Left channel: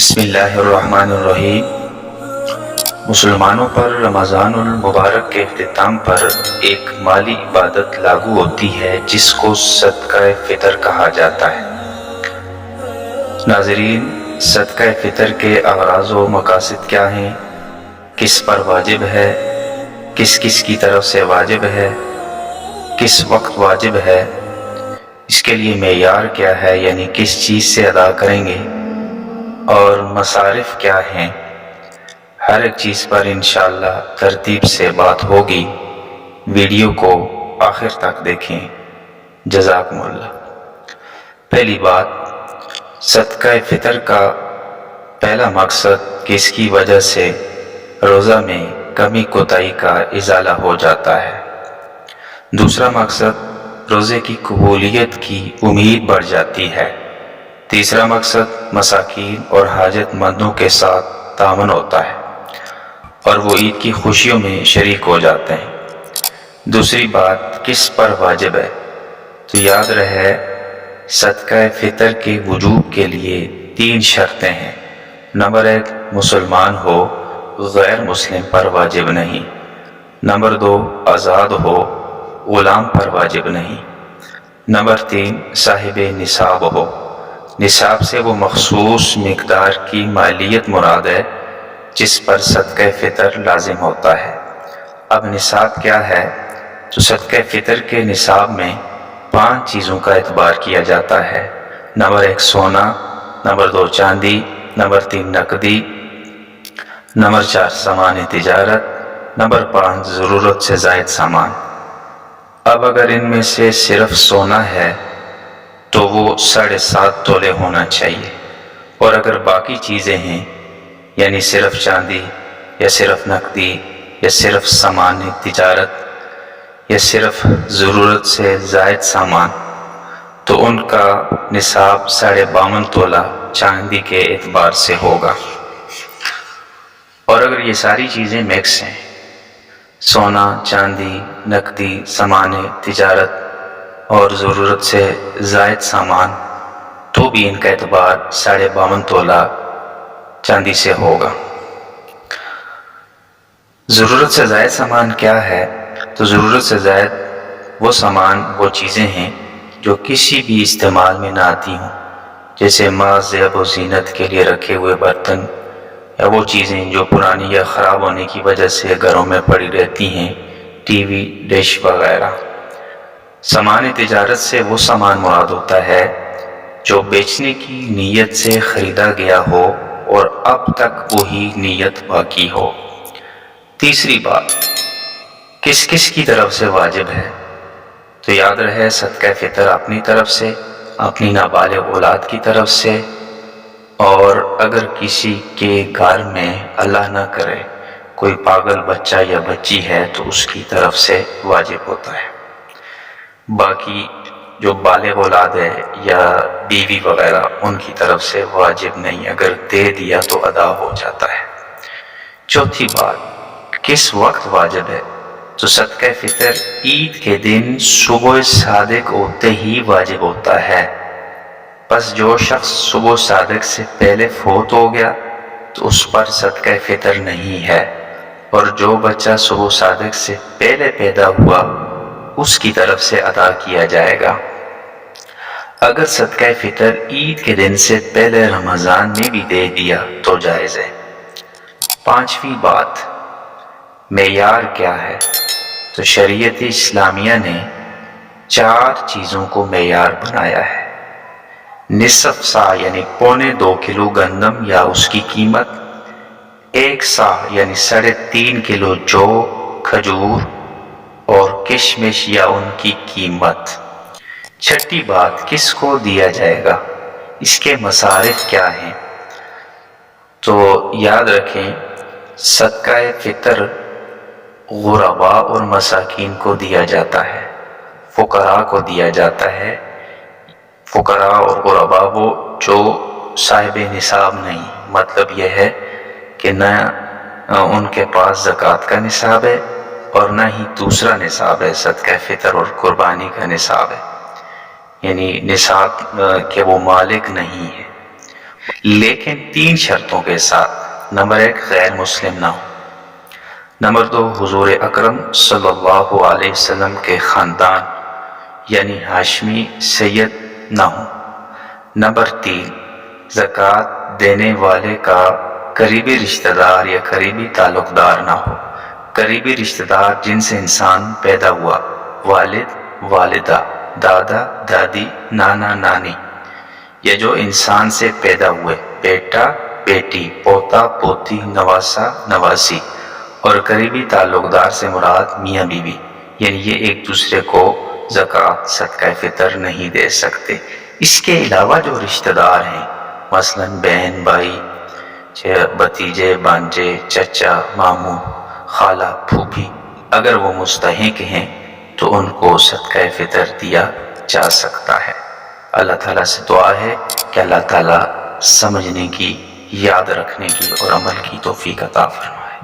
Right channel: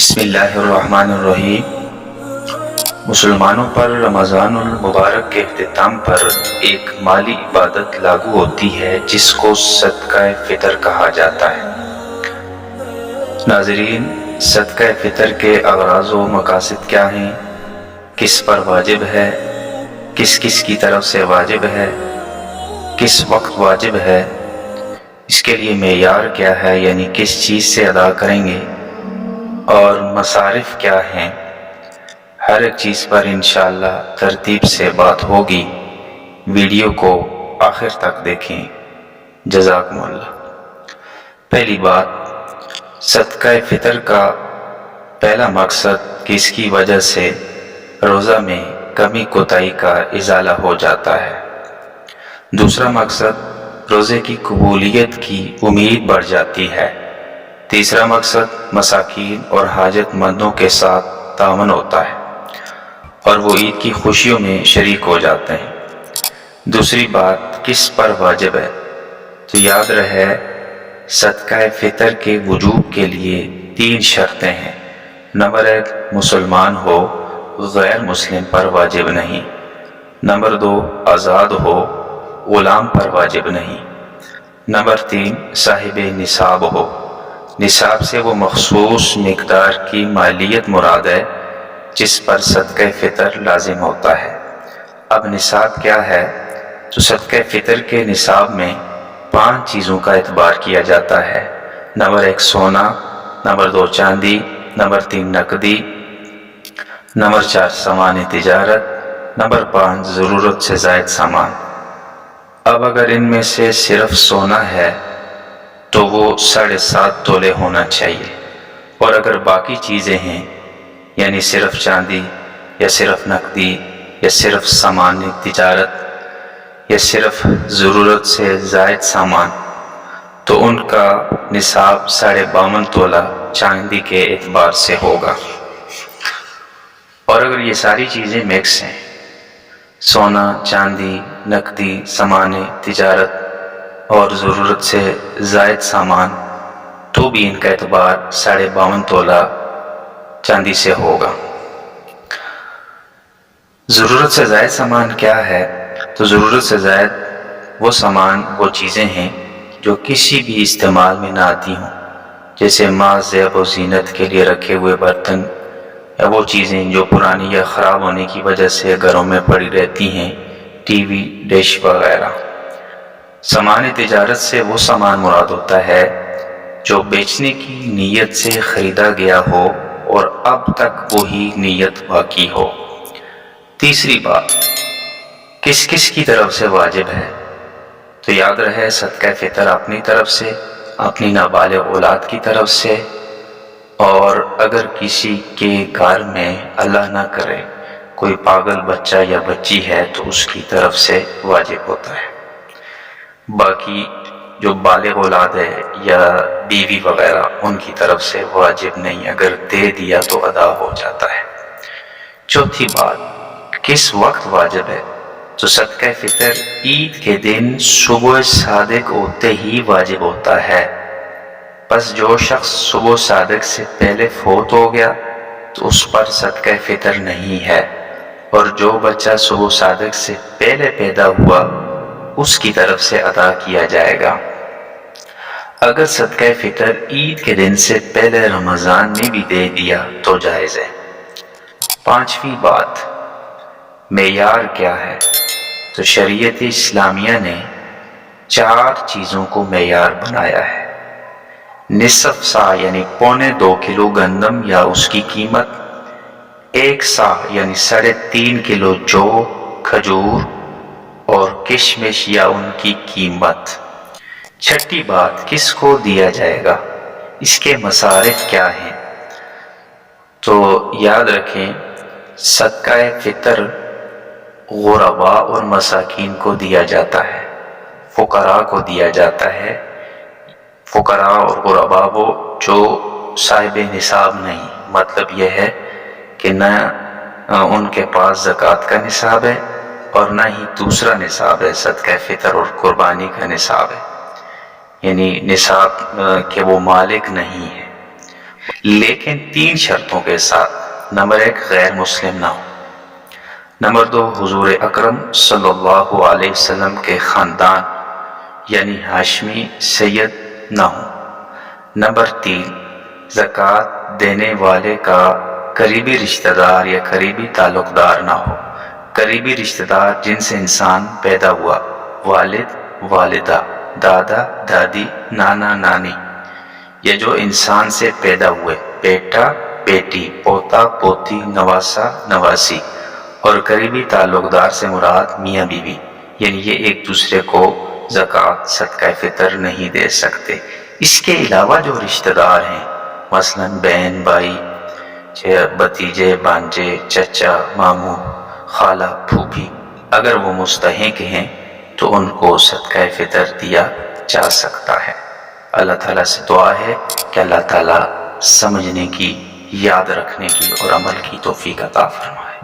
بسم اللہ الرحمن الرحیم۔ مسلمانوں پر رمضان المبارک کے اختتام پر ایک مالی عبادت لاگو ہوتی ہے جس کو صدقہ فطر کہا جاتا ہے۔ ناظرین، صدقہ فطر کے اغراض و مقاصد کیا ہیں، کس پر واجب ہے، کس کس کی طرف سے واجب ہے، کس وقت واجب ہے، اس کے لیے معیار کیا ہے، یعنی کس چیز سے ادا کریں گے، اور مصارف کیا ہیں، ہر ایک چیز پر انشاءاللہ ترتیب سے بات ہوگی۔ ویڈیو کو آخر تک دیکھیں، جزاکم اللہ۔ پہلی بات، صدقہ فطر کا پہلا مقصد کہ اس کی وجہ سے روزہ میں کمی کوتاہی کا ازالہ ہو جاتا ہے۔ دوسرا مقصد، روزے کی قبولیت کی امید بڑھ جاتی ہے۔ تیسرا مقصد، مساکین اور حاجت مندوں کے ساتھ تعاون ہوتا ہے اور وہ عید کی خوشیوں میں شریک ہو جاتے ہیں۔ دوسری بات، کس پر واجب ہے، تو یاد رہے صدقہ فطر کے وجوب کے لیے 3 شرطیں ہیں۔ نمبر 1، مسلمان ہو، غیر مسلم پر واجب نہیں۔ نمبر 2، آزاد ہو، غلام پر واجب نہیں۔ نمبر 3، صاحب نصاب ہو۔ نصاب سے وہ مخصوص مقدار کی مالیت مراد ہے جس پر صدقہ فطر لازم ہوتا ہے۔ اب نصاب کیا ہے، تو صدقہ فطر کے نصاب میں 5 چیزوں کا اعتبار کیا جاتا ہے۔ نمبر 1، سونا۔ نمبر 2، چاندی۔ نمبر 3، نقدی۔ نمبر 4، سامان تجارت۔ نمبر 5، ضرورت سے زائد سامان۔ اب اگر ان میں سے صرف سونا ہے تو وہ 7.5 تولے ہونا چاہیے، اور اگر باقی چیزیں ہیں یعنی صرف چاندی یا صرف نقدی یا صرف سامان تجارت یا صرف ضرورت سے زائد سامان، تو ان کا نصاب 52.5 تولہ چاندی کے اعتبار سے ہوگا۔ اور اگر یہ ساری چیزیں مکس ہیں، سونا، چاندی، نقدی، سامان تجارت اور ضرورت سے زائد سامان، تو بھی ان کا اعتبار 52.5 تولہ چاندی سے ہوگا۔ ضرورت سے زائد سامان کیا ہے، تو ضرورت سے زائد وہ سامان، وہ چیزیں ہیں جو کسی بھی استعمال میں نہ آتی ہوں، جیسے محض زیب و زینت کے لیے رکھے ہوئے برتن، یا وہ چیزیں جو پرانی یا خراب ہونے کی وجہ سے گھروں میں پڑی رہتی ہیں، ٹی وی، ڈش وغیرہ۔ سامان تجارت سے وہ سامان مراد ہوتا ہے جو بیچنے کی نیت سے خریدا گیا ہو اور اب تک وہی نیت باقی ہو۔ تیسری بات، کس کس کی طرف سے واجب ہے، تو یاد رہے صدقہ فطر اپنی طرف سے، اپنی نابالغ اولاد کی طرف سے، اور اگر کسی کے گھر میں اللہ نہ کرے کوئی پاگل بچہ یا بچی ہے تو اس کی طرف سے واجب ہوتا ہے۔ باقی جو بالغ اولاد ہے یا بیوی وغیرہ، ان کی طرف سے واجب نہیں، اگر دے دیا تو ادا ہو جاتا ہے۔ چوتھی بات، کس وقت واجب ہے، تو صدقہ فطر عید کے دن صبح صادق ہوتے ہی واجب ہوتا ہے۔ بس جو شخص صبح صادق سے پہلے فوت ہو گیا تو اس پر صدقہ فطر نہیں ہے، اور جو بچہ صبح صادق سے پہلے پیدا ہوا اس کی طرف سے ادا کیا جائے گا۔ اگر صدقہ فطر عید کے دن سے پہلے رمضان میں بھی دے دیا تو جائز ہے۔ 5ویں بات، معیار کیا ہے، تو شریعت اسلامیہ نے 4 چیزوں کو معیار بنایا ہے۔ نصف سا یعنی 2.25 کلو گندم یا اس کی قیمت، 1 سا یعنی 3.5 کلو جو، کھجور اور کشمش یا ان کی قیمت۔ 6ٹھی بات، کس کو دیا جائے گا، اس کے مصارف کیا ہیں، تو یاد رکھیں صدقہ فطر غرباء اور مساکین کو دیا جاتا ہے، فقراء کو دیا جاتا ہے۔ فقراء اور غرباء وہ جو صاحب نصاب نہیں، مطلب یہ ہے کہ نہ ان کے پاس زکوٰۃ کا نصاب ہے اور نہ ہی دوسرا نصاب ہے، صدقہ فطر اور قربانی کا نصاب ہے، یعنی نصاب کے وہ مالک نہیں ہے۔ لیکن 3 شرطوں کے ساتھ۔ نمبر 1 غیر مسلم نہ ہو، نمبر 2 حضور اکرم صلی اللہ علیہ وسلم کے خاندان یعنی ہاشمی سید نہ ہو، نمبر 3 زکوٰۃ دینے والے کا قریبی رشتہ دار یا قریبی تعلق دار نہ ہو۔ قریبی رشتہ دار جن سے انسان پیدا ہوا، والد والدہ، دادا دادی، نانا نانی، یا جو انسان سے پیدا ہوئے، بیٹا بیٹی، پوتا پوتی، نواسا نواسی، اور قریبی تعلق دار سے مراد میاں بیوی، یعنی یہ ایک دوسرے کو زکوٰۃ صدقہ فطر نہیں دے سکتے۔ اس کے علاوہ جو رشتہ دار ہیں مثلا بہن بھائی، بھتیجے بھانجے، چچا ماموں، خالہ پھوپھی، اگر وہ مستحق ہیں تو ان کو صدقہ فطر دیا جا سکتا ہے۔ اللہ تعالیٰ سے دعا ہے کہ اللہ تعالیٰ سمجھنے کی، یاد رکھنے کی اور عمل کی توفیق عطا فرمائے۔